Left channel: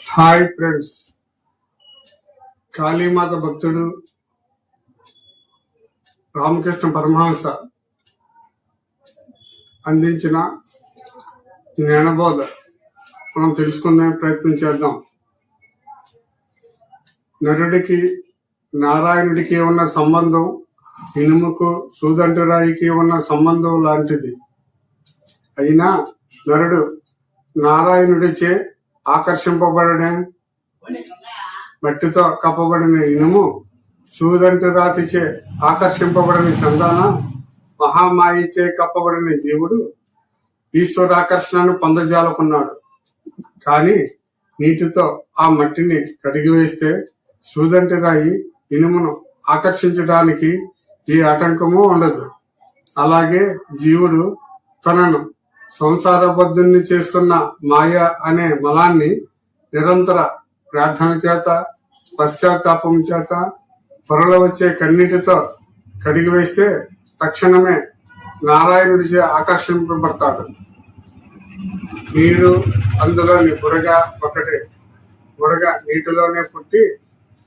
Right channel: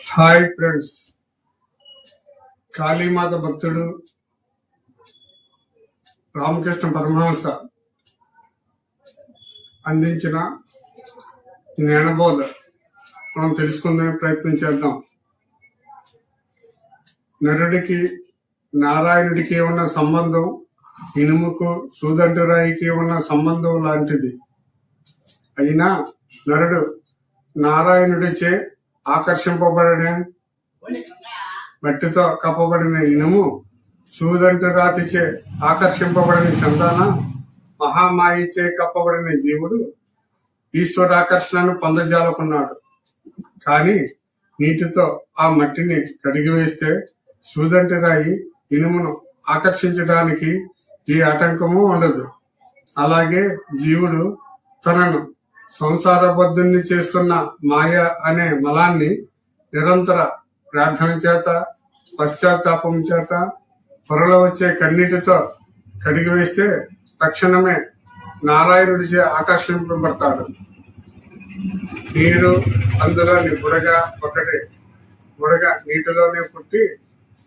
Hi friends. Kalimata భక్తుడు రామకృష్ణ పరమహంస అందించిన జ్ఞానబోధ. మనం తెలుసుకుందాం ప్రయత్నం చేద్దాం. నరుడికి నారాయణుడికి ఉన్న సంబంధం ఇనుముకు సూదంటురాయికి ఉన్న సంబంధం లాంటిది. అయినా నరుడు నారాయణుడిచే ఆకర్షింపబడడం మట్టితో కప్పబడిన ఇనుము సూదంటు రాతిచే ఆకర్షింపబడిన చందాన మహామాయిచే కప్పబడిన జీవుడు ఈశ్వరాకర్షణను పొందజాలకున్నాడు. కానీ నీటితో ఆ మట్టిని కడిగివేస్తే సూదంటి రాయి ఇనుమును ఆకర్షించడానికి ఈ ఆటంకము ఉండదు. అలాగే జీవుడు తనను సంసారబద్ధుణ్ణి చేస్తున్న మాయ అనే మలాన్ని నిరంతర ప్రార్థన చేత పశ్చాత్తాపం చేత పొరలో వచ్చే కన్నీటితో కడిగివేస్తే తక్షణమే నారాయణుడిచే ఆకర్షింపబడతాడు. నీరు అందులోని బుడగ ఒకటి. బుడగ నీటిలోనే పుట్టి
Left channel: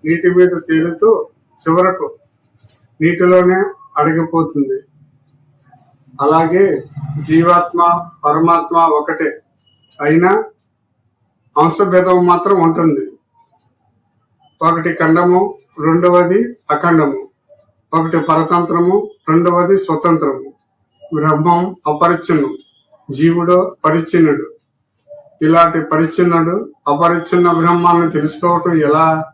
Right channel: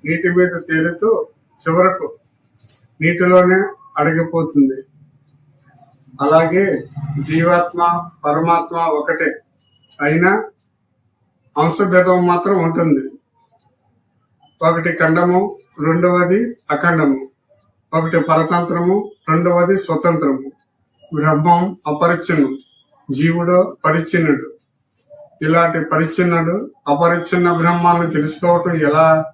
నీటి మీద తేలుతూ చివరకు నీటిలోనే అడిగిపోతుంది అలాగే జీవాత్మ పరమాత్మ ఒకటే అయినా అంశభేదం మాత్రం ఉంటుంది. ఒకటి ఖండము రెండవది అఖండము. ఒకటి పరతంత్రము రెండవది స్వతంత్రము. బ్రహ్మం అపరిచ్ఛిన్నం జీవుడు పరిచ్ఛిన్నుడు. ఇలాంటి పరిచ్ఛిన్నుడు అపరిచ్ఛిన్న బ్రహ్మాన్ని తెలుసుకోవటం ఎలా?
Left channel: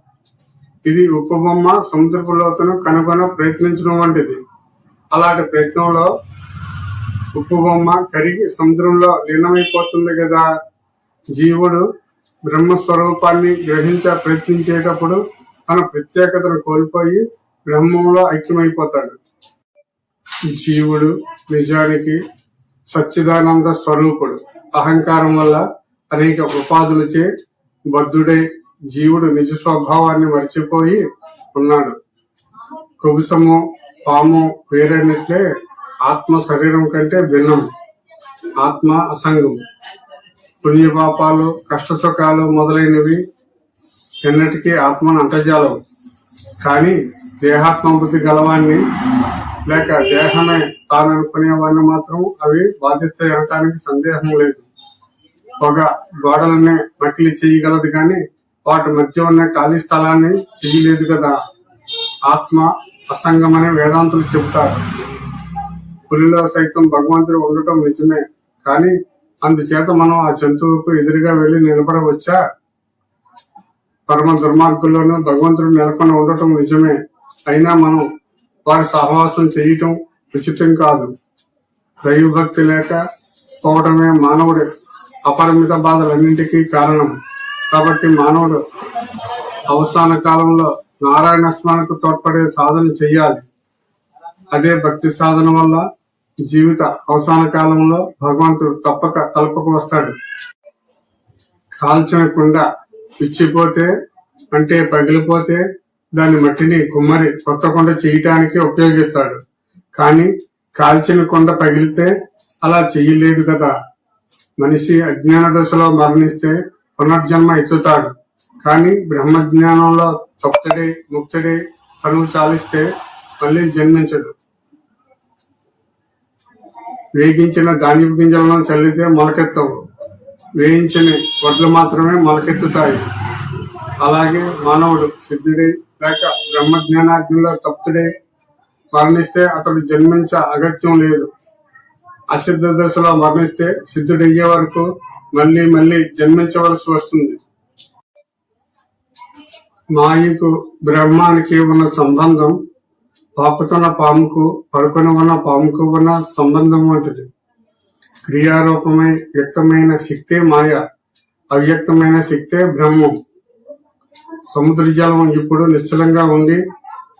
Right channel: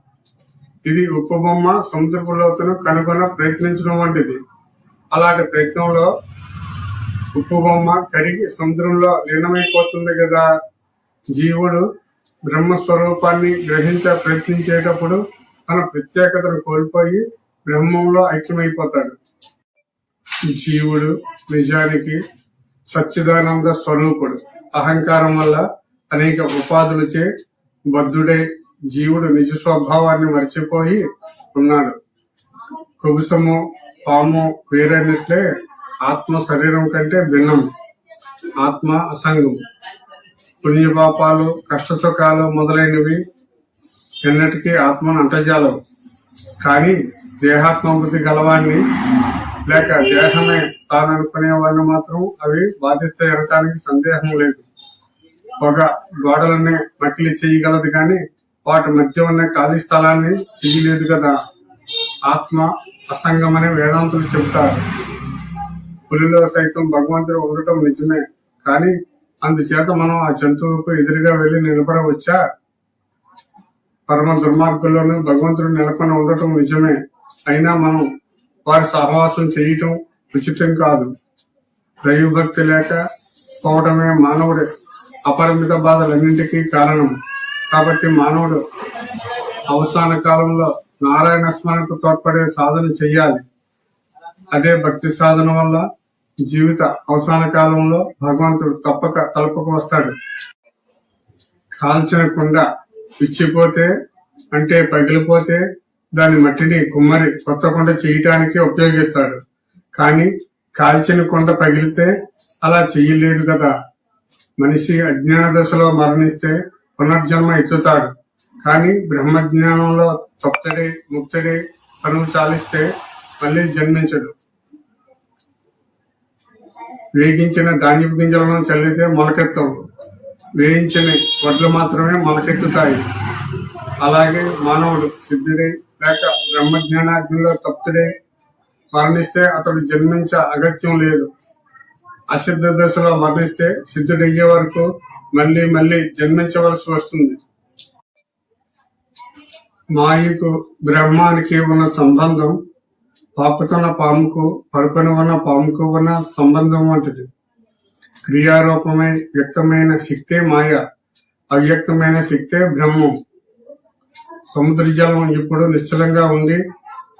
ఇది ఉపబొమ్మ సముద్రపు లోతును కనుగొన ప్రయత్నించడం వంటిది. అలాంటి ప్రయత్నంలో ఉప్పు బొమ్మ కరిగి సముద్రంలో లీనమైపోతుంది కదా జీవుడు బ్రహ్మస్వరూపాన్ని గ్రహించ ప్రయత్నించేటప్పుడు తన ప్రత్యేకతను కోల్పోయి బ్రహ్మంలో ఐక్యమైపోతాడు. జీవుడు నిజానికి సచ్చిదానంద స్వరూపుడు. అహంకారం వల్ల అనేక ఉపాధులచే బద్ధుడై జీవుడు నిజ స్వభావాన్ని మర్చిపోయి ఉన్నాడు. కుబుసము పాము వేరైనట్లే ఆత్మ శరీరం కంటే భిన్నం. ఆత్మ అసంగం. పుణ్యపాపాలు కష్ట సుఖాలు మొదలైనవి ఎన్నటికీ ఆత్మను అంటజాలవు. కానీ దేహాత్మ బుద్ధి గలవాన్ని లేక దేహమే తాననుకునే వాడిని మాత్రం అవి బాధిస్తే అనటానికి సందేహం లేదు. పొగ గోడలనే నకిలీ చేయగలదు కానీ వాటి మధ్య ఉన్న ఖాళీ స్థలాన్ని చేయలేదు కదా. ఆత్మ అసంగమనే వేదాంతులు చెబుతారు. పులిలో సైతం భగవంతుడు ఉండటం నిజమే. కానీ అందుచేత మనం ఆ జంతువుకు ఎదురుగా వెళ్ళి నిలబడవచ్చా? పరమ దుర్మార్గుల్లోనూ భగవంతుడు నెలకొని ఉండటం నిజమే. అయినా మనం వారి సహవాసం చేయటం ఉచితం కాదు. దైవభక్తి లేక పోవటమే మానవుడి అపరిమిత బాధలన్నింటికీ కారణం. కాబట్టి మానవుడు అవసాన కాలంలో నారాయణ స్మరణకు తోడ్పడే సాధన చెయ్యాలి. అదే భక్తి సాధన వల్ల జీవిత అవసాన కాలంలో భగవంతుడు తప్పక తలపకు వస్తాడు. కాల్చిన కుండ ఇచ్చిపోతే అంటే పగిలిపోతే దాని మట్టిని కుమ్మరి కొత్త కొండ చేయటానికి ఉపయోగిస్తాడు. కానీ కాల్చిన కొండ పగిలితే అలా చెయ్యలేడు కదా. మనిషి అజ్ఞాన దశలో మరణిస్తే పునర్జన్మ ఎత్తుతాడు. కానీ బ్రహ్మజ్ఞానంలో తప్తడే ముక్తడే పనులు చాలిస్తే మళ్ళీ జన్మించడు. వేగించిన ధాన్యపు గింజలను చల్లితే మొలకెత్తవు. వేయించిన వడ్లు మాత్రమే మొలకెత్తుతాయి. అలాగే మానవుడు సిద్ధుడై లేక బ్రహ్మజ్ఞానాగ్నిలో తప్తుడై మరణిస్తే అతడు జన్మించే అగత్యం లేదు. అసిద్ధ దశలో మరణిస్తే సిద్ధుడయ్యే వరకు మళ్ళీ మళ్ళీ జన్మించవలసి వస్తుంది. మాయకు బ్రహ్మానికి ఉన్న సంబంధం పాపుతున్న పాముకు పడుకొని ఉన్న పాముకు ఉన్న సంబంధం వంటిది. క్రియారూపమై వ్యక్తమైన శక్తే మాయ అవ్యక్తమైన శక్తే బ్రహ్మం. సముద్ర జలం ఇప్పుడు నిశ్చలంగా ఉండి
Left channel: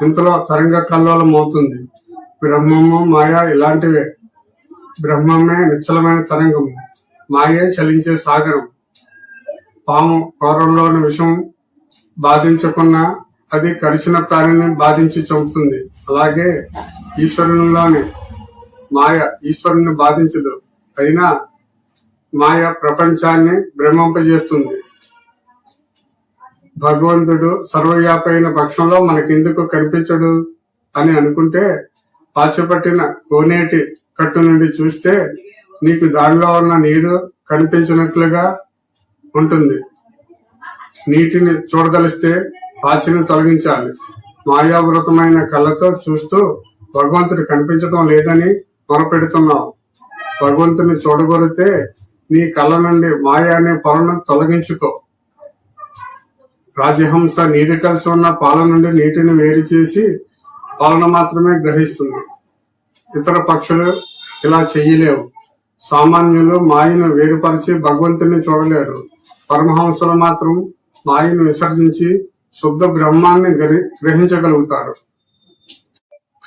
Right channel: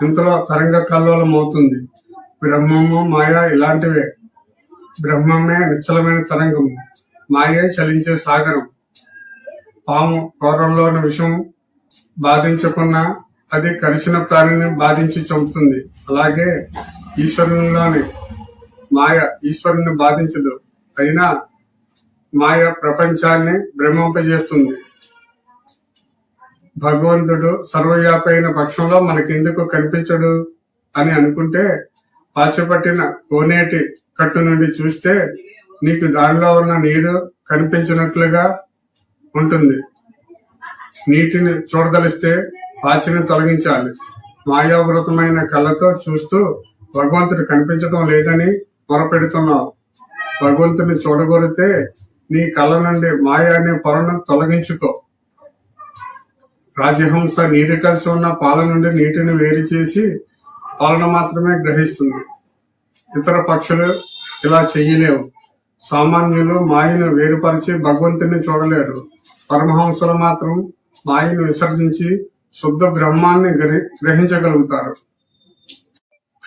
ఇంతలో తరంగ కల్లోలం అవుతుంది. బ్రహ్మము మాయ ఇలాంటివే. బ్రహ్మమే నిశ్చలమైన తరంగము మాయే చలించే సాగరం. పాము కూరల్లోని విషం బాధించకున్న అది కలిసిన ప్రాణిని బాధించి చంపుతుంది. అలాగే ఈశ్వరునిలోని మాయ ఈశ్వరుని బాధించదు. అయినా మాయ ప్రపంచాన్ని భ్రమింపజేస్తుంది. భగవంతుడు సర్వవ్యాపైన పక్షంలో మనకెందుకు కనిపించడు అని అనుకుంటే పాచిపట్టిన కోనేటి కట్టు నుండి చూస్తే నీకు దానిలో ఉన్న నీరు కనిపించినట్లుగా ఉంటుంది. నీటిని చూడదలిస్తే పాచిని తొలగించాలి. మాయావృతమైన కళ్ళతో చూస్తూ భగవంతుడు కనిపించడం లేదని మొరపెడుతున్నావు భగవంతుని చూడగొరితే నీ కళ్ళ నుండి మాయా అనే పొరను తొలగించుకో. రాజహంస నీరు కలిసి ఉన్న పాల నుండి నీటిని వేరు చేసి పాలన మాత్రమే గ్రహిస్తుంది. ఇతర పక్షులు ఇలా చెయ్యలేవు. సామాన్యులు మాయను వేరుపరిచి భగవంతుని చూడలేరు. పరమహంసలు మాత్రం మాయను విసర్జించి శుద్ధ బ్రహ్మాన్ని గ్రహి- గ్రహించగలుగుతారు.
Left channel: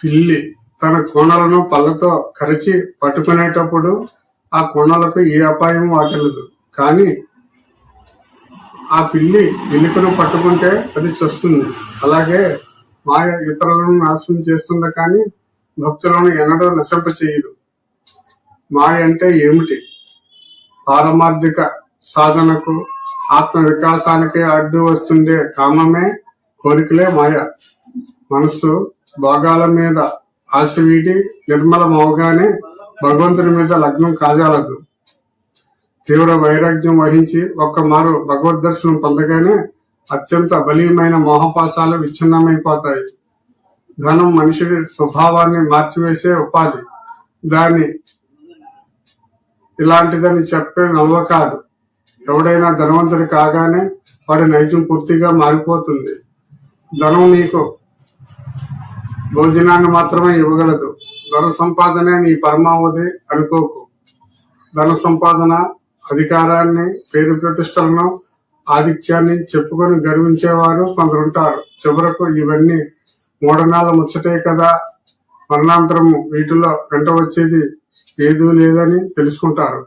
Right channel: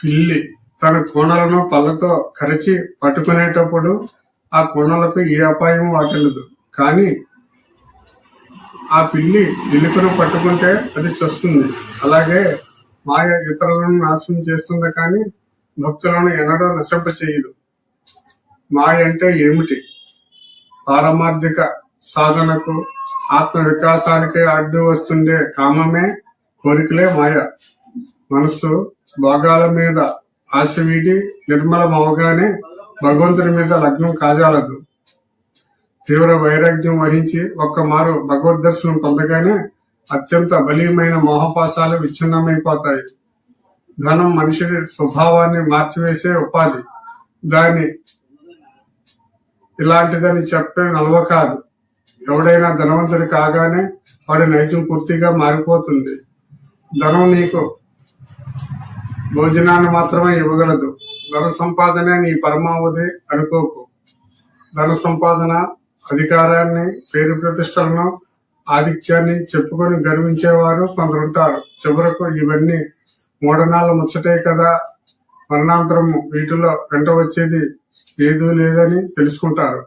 పిల్లి తన కోణలను పళ్ళతో కరిచి పట్టుకునేటప్పుడు ఆ కోణలకు ఏ అపాయం వాటిల్లదు. కానీ ఆ పిల్లి ఎలుకను పట్టుకుంటే అది చస్తుంది. అలాగే మాయ ఇతరులను నాశనం చేస్తుంది కానీ భక్తులను ఎన్నడూ నశింప చేయదు. మాయ అంటే ఏమిటి? పారమార్థిక సాధనకు ఆత్మ వికాసానికి అడ్డు వస్తుండే కామమే కోరికలే మాయ. మనస్సు భోగాల మీద ఆశ వీడి నిర్మలమవగానే భగవంతుని మీద లగ్నం కాజాలదు. తీవ్ర వైరాగ్యం వహించి ఒక్క మారు భగవద్ దర్శనం పొందగానే అత్యంత బలీయమైన మోహపాసాలు విచ్ఛిన్నమైపోతాయి. ధనం మనిషి స్వభావాన్ని మార్చివేసే ఉపాధి. దాని ఇలాంటిదని చెప్పే నలవ కాదు. ఎవడైనా ధనవంతుడి కాగానే వాడి నైజం పూర్తిగా మారిపోతుంది. ధనం నీకు. భోజనాన్ని మాత్రమే ఇవ్వగలదు. ధన సంపాదనే నీ పరమావధి అనుకోకు. ధన సంపాదన అధికారాన్ని పేరు ప్రతిష్టలను ఆధిక్యాన్ని చెప్పుకొని గర్వించేవారు కొందరుంటారు. చివరకు ఇవన్నీ మూఢనాల ముచ్చటే కదా. మరణాంతరము వీటిలో వెంట వచ్చేది ఏదూ లేదని తెలుసుకుంటారు.